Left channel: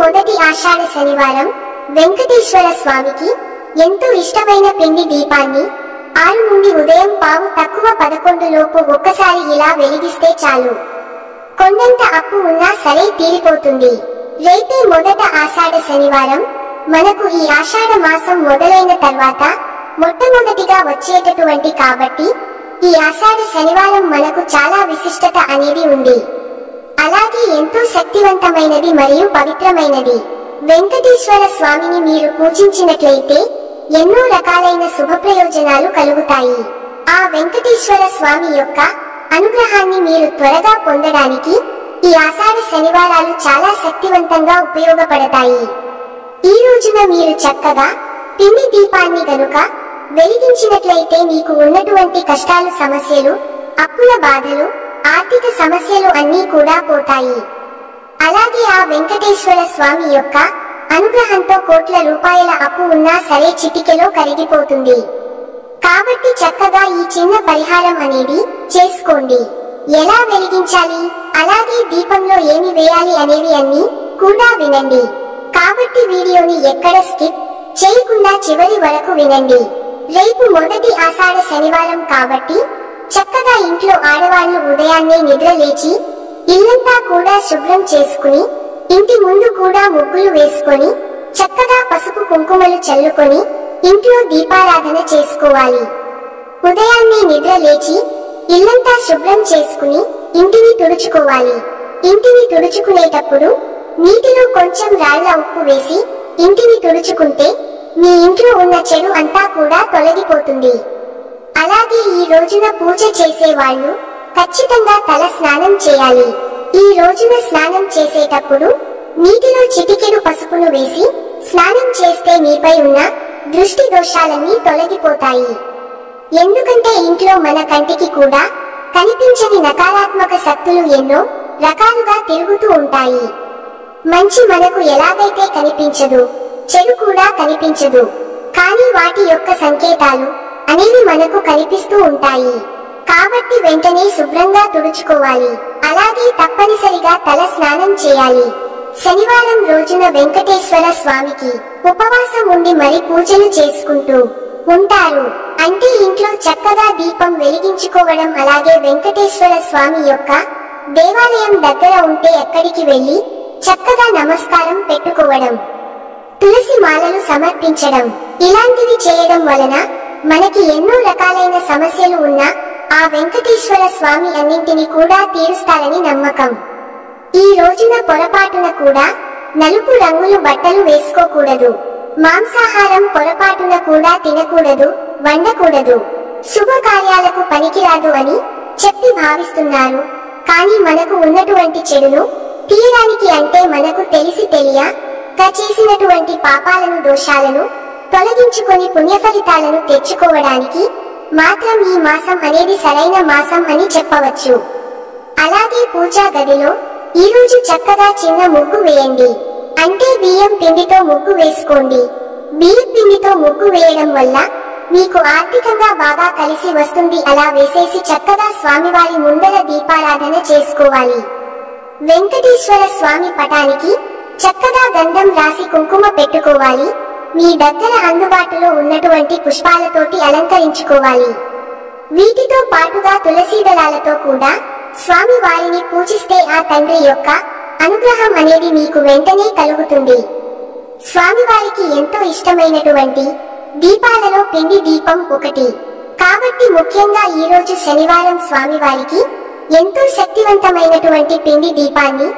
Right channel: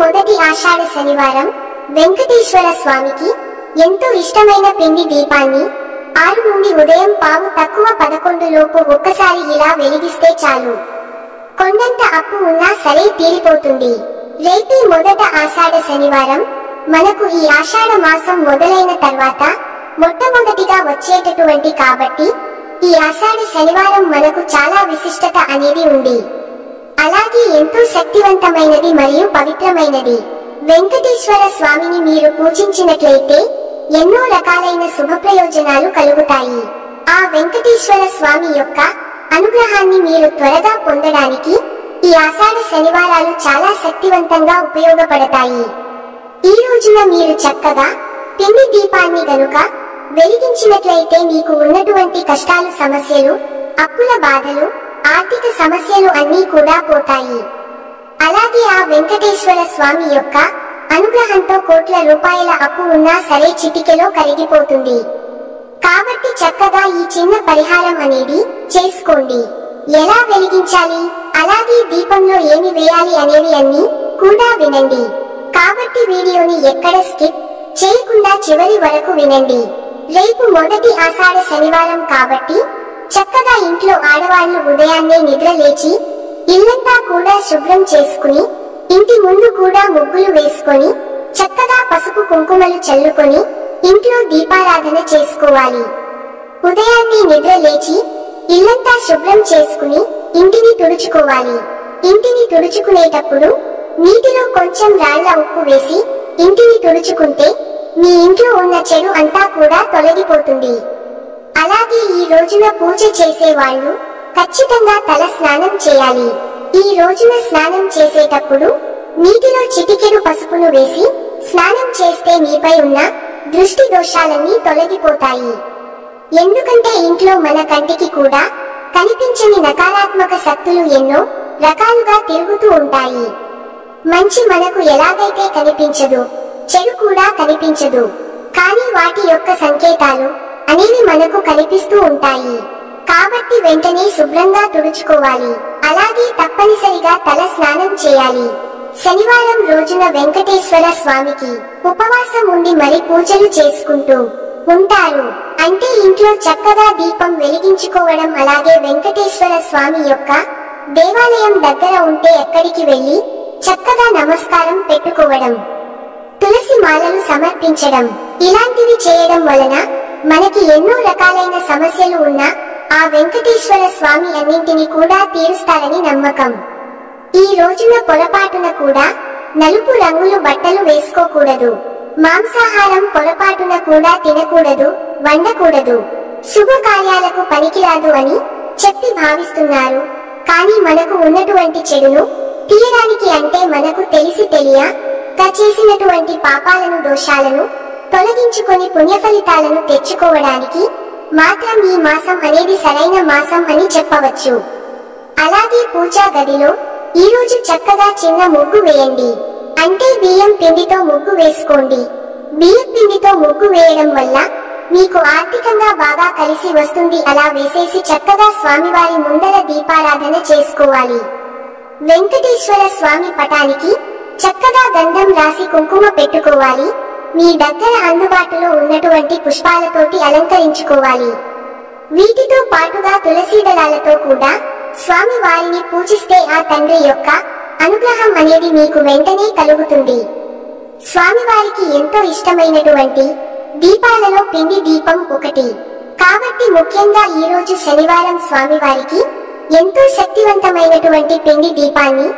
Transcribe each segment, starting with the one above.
మొదటి ఆషాఢ శనివారం వెంకటేశ్వర స్వామికి ఎంతో ఇష్టమైన పిండి దీపాన్ని 6 నుండి ఉదయం 10:11 లోపు ఒక్కసారి ఇలా వెలిగిస్తే చాలు. కొండంత అప్పు ఉన్నా సరే తీరిపోతుంది. రేపే మొదట ఆషాఢ శనివారం. మనకు ఈ ఆషాఢ మాసం మొదలైన తర్వాత మొట్టమొదటిగా వచ్చేటటువంటి కాబట్టి ఈ ఆషాఢ శనివారం మనకు చాలా విశిష్టత అనేది ఉంది. అలాగే ఎంతో శక్తివంతమైనది మరియు పవిత్రమైనది. వెంకటేశ్వర స్వామిని మీరు పూజించినట్లయితే ఎన్నో రకాలైన శుభప్రయోజనాలు కలుగుతాయి. ఆ వెంకటేశ్వర స్వామి యొక్క అనుగ్రహాన్ని మీరు త్వరగా పొందడానికి ఈ ఆషాఢ శనివారాలు చాలా శక్తివంతంగా ఉపయోగపడతాయి. ఈ రోజున మీరు చక్కగా పిండి దీపాన్ని గనుక వెలిగించినట్లయితే మీకు ఉన్నటువంటి కష్టాలు, సమస్యలు, అప్పుల బాధలు, ఆర్థిక సమస్యలు అన్నీ కూడా పోతాయి. అలాగే ఆ వెంకటేశ్వర స్వామి యొక్క అనుగ్రహంతో కోట్ల రూపాయల అప్పు ఉన్నా సరే చిటికెలో కరిగిపోతుంది. కాబట్టి చక్కగా ఈ చిన్న పరిహారం అనేది చేసుకోండి. ఎలా వెలిగించాలి, అలాగే దీపంలో ఏమి వేయాలి అనేవి అన్నీ కూడా వినండి. కాబట్టి వీడియోని ఎక్కడ స్కిప్ చేయకుండా చివరి వరకు వినండి. రేపు మొదటి ఆషాఢ శనివారం కాబట్టి చక్కగా ఇంట్లో ఆడవాళ్లు ఉదయాన్నే నిద్ర లేచి ఇల్లంతా కూడా శుభ్రం చేసుకుని ఇంటి ముందు కూడా ముగ్గులు వేసుకొని చక్కగా పసుపు కుంకుమలు చల్లుకొని ఇంట్లో దీపారాధన చేసుకోవాలి. ఉదయాన్నే నిద్ర లేచి ఇల్లంతా శుభ్రం చేసుకుని ఇంటిని తుడుచుకోవాలి. ఇంటిని తుడుచుకునేటప్పుడు నీటిలో కొంచెం రాళ్ల ఉప్పు వేసి ఇంటిని తుడుచుకుంటే మీ ఇంట్లో ఉన్న చెడు అంతా కూడా తొలగిపోతుంది. అలాగే ఈ రోజున పూజ చేసే వాళ్ళు ఖచ్చితంగా తల స్నానం చేయాలి. ఈ రోజున స్నానం చేసేటప్పుడు నీటిలో చిటికెడు పసుపును వేసి స్నానం చేస్తే మీపై ఉన్న దృష్టి దోషాలన్నీ తొలగిపోతాయి. ఎందుకంటే ఇంట్లో మన కంటికి కూడా కనిపించని నకారాత్మక శక్తులు ఎన్నో రకాలుగా తిరుగుతూ ఉంటాయి. మంచి మనకు ఎలాగైతే కనిపించదు, చెడు కూడా కనిపించదు. కానీ వాటి యొక్క సంకేతాలు అనేవి మనకు కనిపిస్తూ ఉంటాయి. కాబట్టి వెంటనే శుభ్రంగా తుడుచుకోవాలి. అలాగే తప్పనిసరిగా తల స్నానం చేయాలి. శనివారం రోజున వెంకటేశ్వర స్వామికి ఉపవాసం ఉండి మరి పూజలు చేసుకుంటూ ఉంటారు. అంటే ఇంట్లో చక్కగా దీపం వెలిగించుకోవడం. అలాగే వెంకటేశ్వర స్వామి యొక్క దేవాలయం దగ్గర ఉంటే ఎక్కడికి వెళ్లి చక్కగా నమస్కారం పెట్టుకోవడం, తులసి మాలలు సమర్పించడం, ఇలాంటివి చేయడం వలన మనకి ఎన్నో రకాలైన సమస్యలు ఉన్నా ఆ వెంకటేశ్వర స్వామి అన్నింటినీ కూడా తీరుస్తారని నమ్మకం. ఈ రోజున పొరపాటున కూడా నలుపు రంగులు బట్టలు వేసుకోకూడదు. మాంసాహారం పొరపాటున కూడా తినకూడదు, వండకూడదు. శుభకార్యాలకు పనికిరాదు అని చెప్పి భావిస్తున్నారు. కానీ మనకు ఉన్నటువంటి చెడును తీయడానికి, అంటే మనకు తెలిసి తెలియక చేసినటువంటి పాపాలను, దోషాలను తొలగించుకొని పుణ్యఫలితాలను తెచ్చుకోవడానికి మాత్రం ఈ మాసం అనేది సరైన మాసం అని చెప్పవచ్చు. అలాగే పూజా గదిలో ఈ రోజు చక్కగా చిన్న ముగ్గు వేయండి. అంటే బియ్యం పిండితో ముగ్గు వేసుకోండి. బియ్యం పిండితో ముగ్గు వేయడం వల్ల మీకు ఆర్థికంగా బాగా కలిసి వస్తుంది. అలా వేసేసి చక్కగా స్వామివారి ముందర దీపారాధన చేసుకోవాలి. వెంకటేశ్వర స్వామి పటానికి చక్కగా గంధం రాసి కుంకుమ పెట్టుకోవాలి. మీ దగ్గర అందుబాటులో ఉన్నటువంటి పుష్పాలతోటి అలంకరించుకోవాలి. వీటితో పాటుగా తులసి దళాలతో కూడా స్వామి వారిని పూజిస్తే ఆ తండ్రి యొక్క అనుగ్రహం అనేది మీకు వెంటనే కలుగుతుంది. స్వామివారికి ఎంతో ఇష్టమైనటువంటి దీపాలలో పిండి దీపం ఒకటి. కాబట్టి ముఖ్యంగా ఈ రోజు శనివారం స్వామివారికి ఎంతో శక్తివంతమైనటువంటి పిండి దీపాన్ని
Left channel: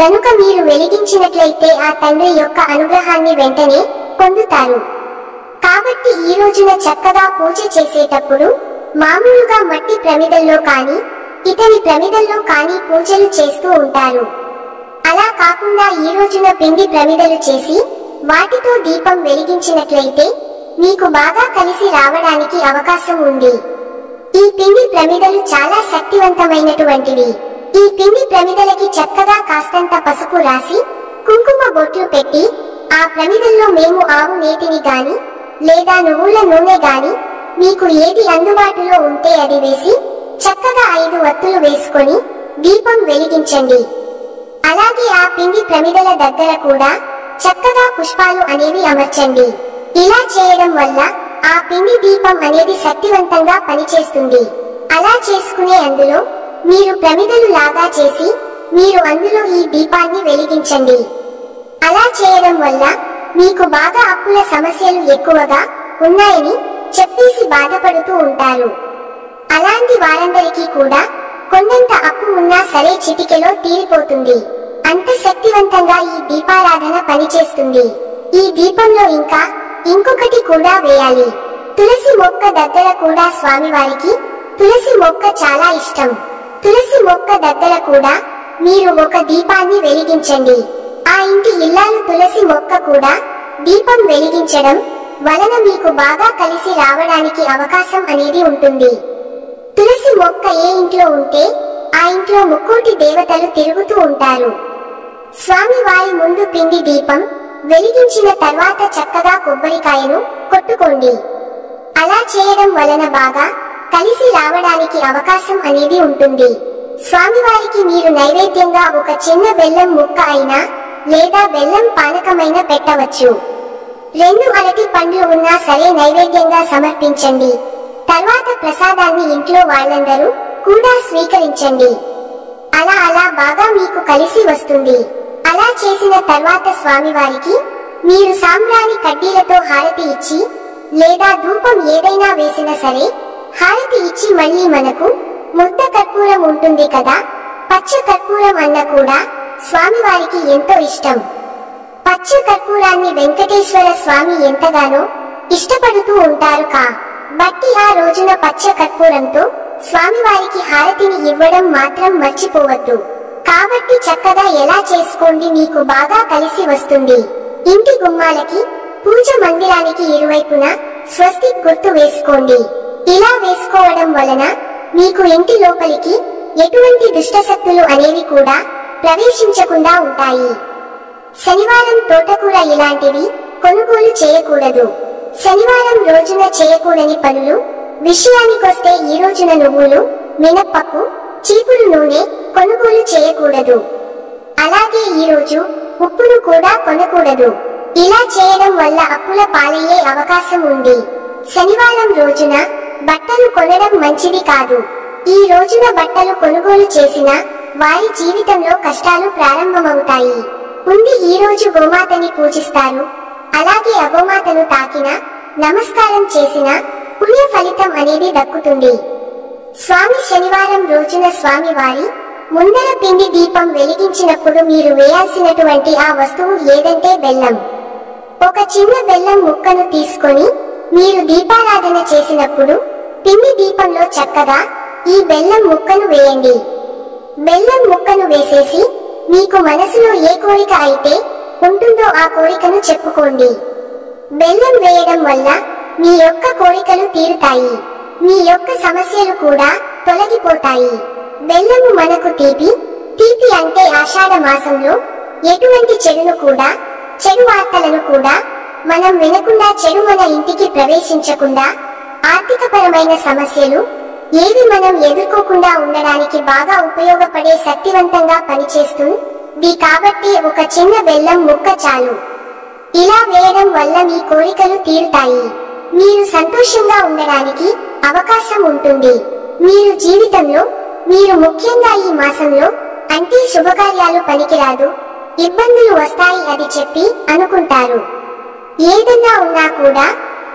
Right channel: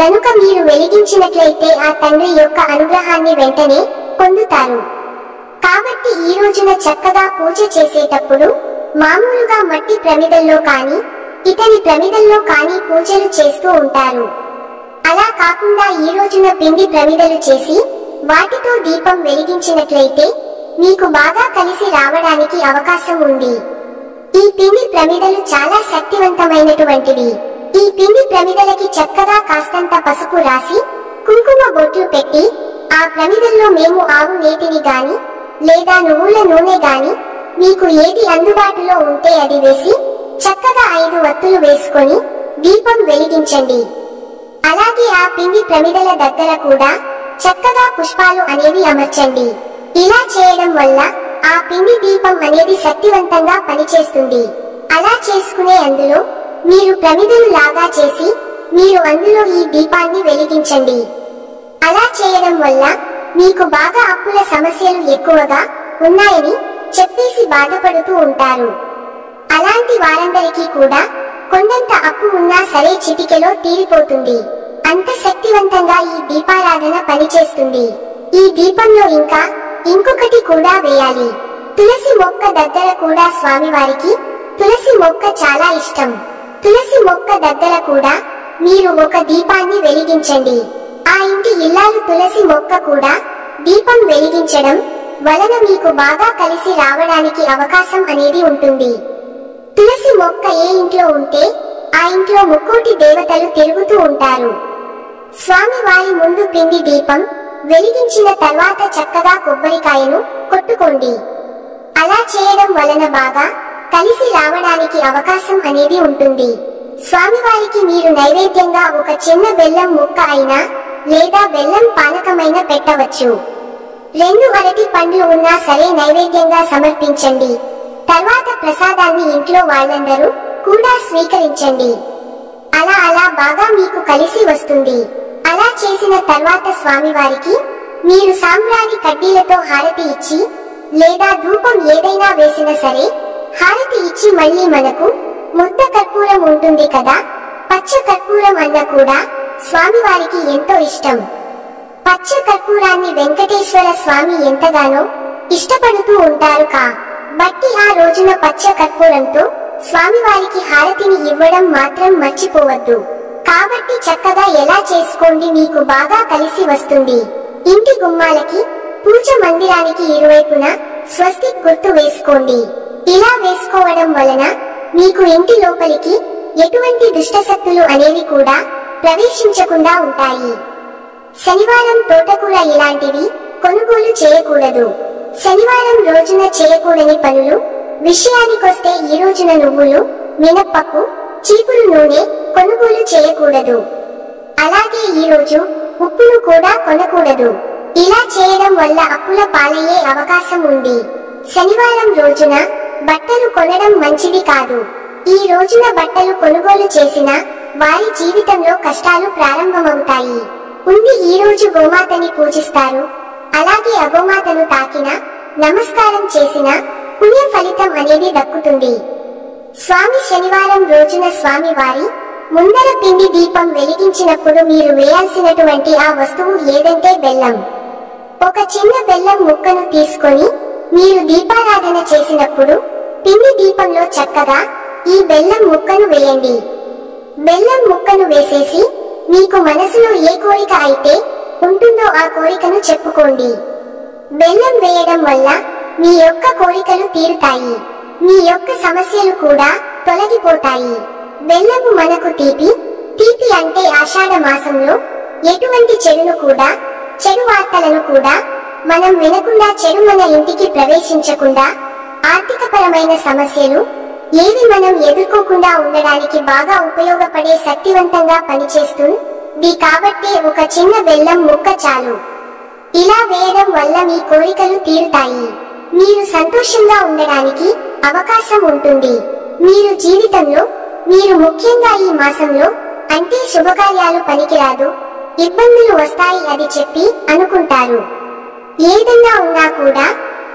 గనుక మీరు వెలిగించినట్లయితే ఆ తండ్రి యొక్క అనుగ్రహాన్ని వెంటనే పొందుతారు. కాబట్టి ఈ రోజున చక్కగా పూజ చేసేటప్పుడు మామూలుగా మట్టి ప్రమిదల్లో కానీ ఇతని ప్రమిదల్లో కానీ పూజలు చేస్తూ ఉంటారు. అలా కాకుండా ఈ రోజున పిండి ప్రమిదలు చేసి వాటితో దీపం వెలిగించినట్లయితే మీకు బాగా కలిసి రావడానికి అవకాశం ఉంది. ఈ పిండి ప్రమిదలు చాలా శక్తివంతమైనటువంటివి. ఈ పిండి ప్రమిదలకి చక్కగా కాస్తంత పసుపు రాసి కుంకుమ బొట్లు పెట్టి ఆ ప్రమిదల్లో మేము ఆవు నేతిని గాని లేదా నువ్వుల నూనె గాని మీకు ఏది అందుబాటులో ఉంటే అది వేసి చక్కగా 5 వత్తులు వేసుకొని దీపం వెలిగించండి. అలాగే ఆ పిండి ప్రమిదల దగ్గర కూడా చక్కగా పుష్పాలు అనేవి అమర్చండి. ఇలా చేయడం వల్ల ఆ పిండి దీపం అనేది శక్తివంతంగా పనిచేస్తుంది. అలా చేసుకునే అందులో మీరు ప్రమిదలు లాగా చేసి మీరు అందులో ఈ దీపాన్ని వెలిగించండి. అలా చేయడం వల్ల మీకు బాగా అప్పుల సమస్యలు ఎక్కువగా ఉన్నాయని చెప్పేసి బాధపడుతూ ఉంటారు. అలాంటి వారందరికీ కూడా కొండంత అప్పు ఉన్నా సరే చిటికెలో తీరిపోతుంది. అంత శక్తివంతంగా ఈ దీపారాధన పనిచేస్తుంది. ఈ దీపంలో ఇంకా ఇంకొకటి కూడా వేయాలి. తులసి మొక్క దగ్గర కూడా స్వామివారికి తులసి మొక్క చాలా ఇష్టం. తులసి మొక్క దగ్గర కూడా మీరు ఒక దీపాన్ని వెలిగించండి. ఆ ఇంటి ఇల్లాలు తులసి మొక్క కూడా దీపం వెలిగించడం వలన మీకు బాగా కలిసి రావడానికి అవకాశం అనేది ఉంటుంది. తులసి మొక్క ఏ ఇంట్లో ఉంటే ఆ ఇంట్లో ముక్కోటి దేవతలు తిరుగుతూ ఉంటారు. స్వామి వారి ముందు పిండి దీపం వెలిగించిన తర్వాత చక్కగా కొబ్బరికాయను కొట్టుకోండి. అలా చేయడం వలన బాగా కలిసి రావడానికి అవకాశం అనేది ఉంటుంది. స్వామివారికి మీరు నైవేద్యంగా ఒక చిన్న బెల్లం ముక్క అయినా లేదా బెల్లం పానకమైన పెట్టవచ్చు. 2 అరటి పండ్లు ఉన్నా సరే నైవేద్యంగా సమర్పించండి. తర్వాత ప్రసాదాన్ని ఇంట్లో వాళ్ళందరూ కూడా స్వీకరించండి. అలా బాగా మీకు కలిసి వస్తుంది. అలా చేసిన తర్వాత స్వామివారికి మీరు సాంబ్రాణి కడ్డీలతో హారతి ఇచ్చి లేదా ధూపం ఏదైనా వేసినా సరే హారతి ఇచ్చి మళ్ళీ మనకు ముద్ద కర్పూరం ఉంటుంది కదా, పచ్చ కర్పూరం అన్న కూడా స్వామివారికి ఎంతో ఇష్టం. పచ్చ కర్పూరాన్ని వెంకటేశ్వర స్వామి ఎంతగానో ఇష్టపడుతూ ఉంటారు బట్టి ఆ రోజున పచ్చ కర్పూరంతో స్వామివారికి హారతిని ఇవ్వడం మాత్రం మర్చిపోవద్దు. కాబట్టి చక్కగా ఎలా చేసుకోండి, మీకు బాగా కలిసి వస్తుంది. ఇంటి గుమ్మాలకి పూజ మందిరానికి ఇరువైపున స్వస్తిక్ గుర్తు వేసుకోండి. ఇలా వేసుకోవడం వలన మీకు ఇంటి లోపలికి ఎటువంటి దుష్టశక్తులు అనేవి కూడా ప్రవేశించకుండా ఉంటాయి. శనివారం తోటకూర ఇలాంటివి కొనుగోలు చేయకూడదు. శనివారం రోజున చేయకూడని పనులు విషయానికొస్తే ఈ రోజున నువ్వులు, మినప్పప్పు, చీపురు నూనె కొనుగోలు చేయకూడదు. అలాగే ఈ రోజు ఉప్పును కూడా కొనకూడదు. ఇలా చేయడం వల్ల అప్పుల పాలయ్యే అవకాశం ఉంది. శనివారం రోజున బట్టలు కొనడం మంచిది కాదు. ఈ రోజున బట్టలు కొనుగోలు చేసిన వారి జీవితంలో కష్టాలు ప్రారంభమవుతాయి. ఈ రోజు గోమాతని పూజిస్తారు. అలాగే అగోమాతను తాకిన నమస్కారం చేసిన పుణ్య ఫలితం అనేది దక్కుతుంది. స్వామి శనివారం రోజున స్వామి వారి ముందర పిండి దీపం వెలిగించినప్పుడు మీరు వేయాల్సినటువంటి ఆ వస్తువు ఏదంటే బెల్లం. ఒక చిన్న బెల్లం ముక్కను తీసుకొని మీరు దీపారాధన చేసినప్పుడు పిండి దీపంలో చక్కగా ఈ బెల్లం ముక్కను వేయండి. బెల్లం ముక్కను వేసేసి మీకు మనసులో ఏ కోరిక అయితే ఉంటుందో ఆ కోరికను చెప్పుకోండి. బెల్లం వేయడం వల్ల మీ యొక్క కోరికలు తీరుతాయి. మీ యొక్క సమస్యలు కూడా తొలగిపోతాయి. బెల్లము మనకు తీపి అంటే ఆషాఢ మాసంలో ఎటువంటి చెడును కూడా, చెడు వార్తలను కూడా మనం వినకుండా, చెడు మన ఇంటికి ప్రవేశించకుండా, ఆర్థికపరమైన సమస్యలు ఏవి మనం ఎదుర్కోకుండా ఉండడానికి బాగా ఉపయోగపడే శక్తివంతంగా పనిచేస్తుంది. కాబట్టి ఒక చిన్న బెల్లం ముక్క చాలు. ఇలా వేయడం వల్ల మీ కోరికలు తీరుతాయి. మీరు సంతోషంగా ఉండడానికి అవకాశం ఉంటుంది. మీరు జీవితంలో మీరు ముఖ్యంగా ఈ మాసంలో అంటే శుభకార్యాలు పనికిరాదు, ఇబ్బందులు వస్తాయి అది చెప్పి అనుకుంటారు. ఏదన్నా ఉన్నా కూడా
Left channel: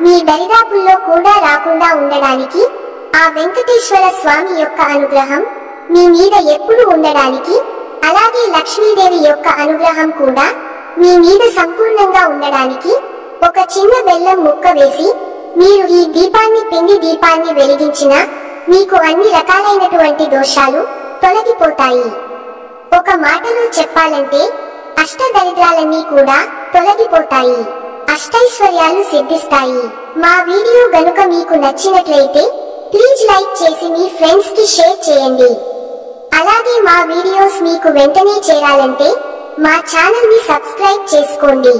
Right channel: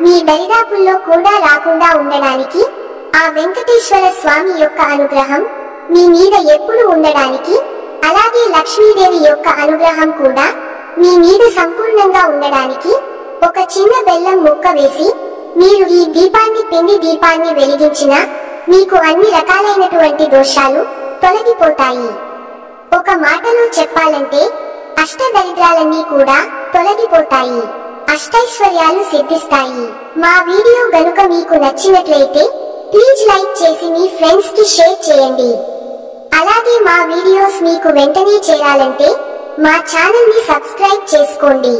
మీ దరిదాపుల్లో కూడా రాకుండా ఉండడానికి ఆ వెంకటేశ్వర స్వామి యొక్క అనుగ్రహం మీ మీద ఎప్పుడు ఉండడానికి, అలాగే లక్ష్మీదేవి యొక్క అనుగ్రహం కూడా మీ మీద సంపూర్ణంగా ఉండడానికి ఒక చిన్న బెల్లం ముక్క వేసి మీరు ఈ దీపాన్ని, పిండి దీపాన్ని వెలిగించిన మీకు అన్ని రకాలైనటువంటి దోషాలు తొలగిపోతాయి. ఒక మాటలో చెప్పాలంటే అష్టదరిద్రాలన్నీ కూడా తొలగిపోతాయి, అష్టైశ్వర్యాలు సిద్ధిస్తాయి. మా వీడియో గనుక మీకు నచ్చినట్లయితే ప్లీజ్ లైక్ చేసి మీ ఫ్రెండ్స్ కి షేర్ చేయండి. అలాగే మా వీడియోస్ మీకు వెంటనే చేరాలంటే మా ఛానల్ ని సబ్స్క్రైబ్ చేసుకోండి.